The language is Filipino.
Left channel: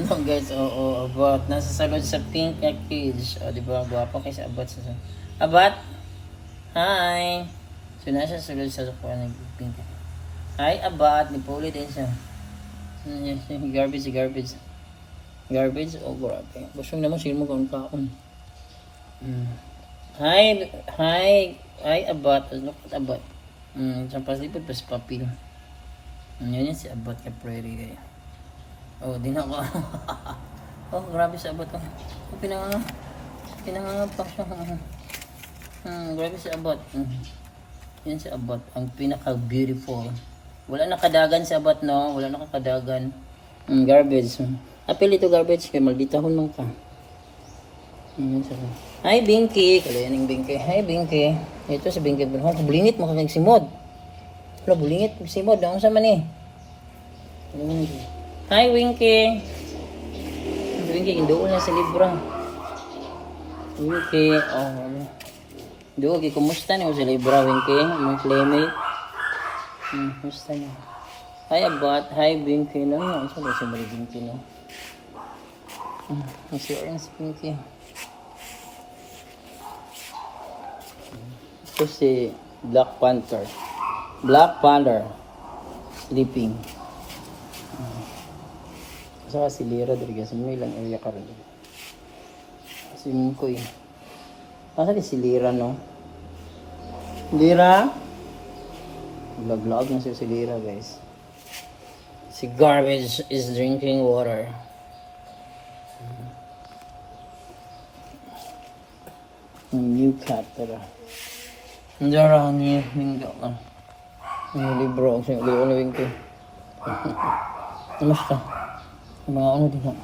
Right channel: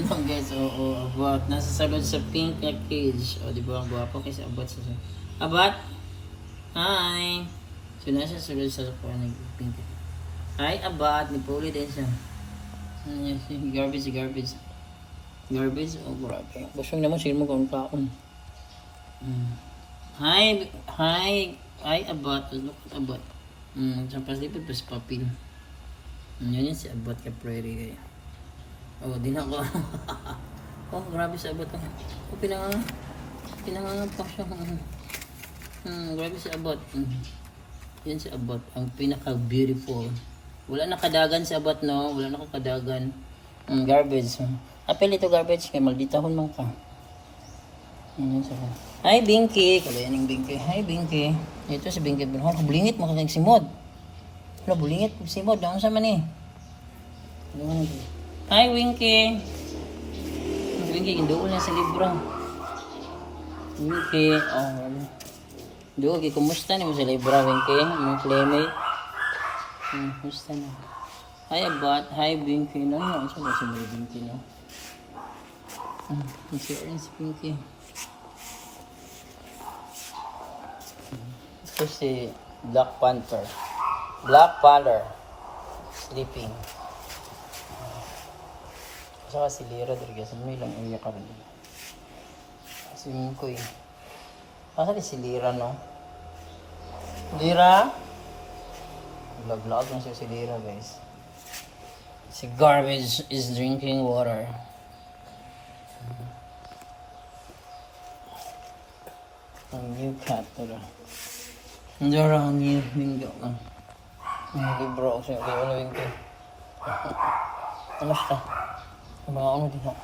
No guys, oo, Abat. Nasa salon sa pink na cage. O, di ba? Gwapo kasi Abat sa salon. Abat? Hi! So, nasa salon sa sofa ng pink. Hi, Abat. May puli din siya. Garbage, garbage. Garbage? Oh, grabe. Gusto naman sino mo kung kaon. Hi! Hi! Hi, Abat. Look at Abat. Sampas dito, pas papil. Yan si Abat ka prairie kayo. Oh, di na ako. Oh, grabe sa Abat. Oh, pinangangapak siya. Grabe si Abat. Yan si Abat. Ang pinaka-beautiful. Wala nakadagan si Abat, no? Wala nakakadagan. Garbage. Apil ito garbage. Kaya malditahon lang ito. Hi, Binky. Kaya yan yung Binky. Hi, Binky. Ito si Binky. Bulingit mo kang simod. Wala, bulingit. Simod. Ano sa man eh? Hi, Winky. Winky, doon na sa libro. Winky, doon, kumusta niyo sa libro, Winky? Yung playmate? Kumusta niyo? Hi, Abat. Hi, Winky. Ano siya sa may Winky, no? Kasi ayun si Winky. Ito si Black Panther. Black Panther. Sleeping. Saka si Lira Rodriguez, may lang uyak ka rin. Kasi mo ko yun. Masa si Lira, no? Lira? Vlog-vlog na siya si Lira, guys. Si Garbage is drinking water. Ang new cat, tara. Diyan niya, hindi ako. Ang libro, kasi ulit ko. Kamusta? Mga ano din ako.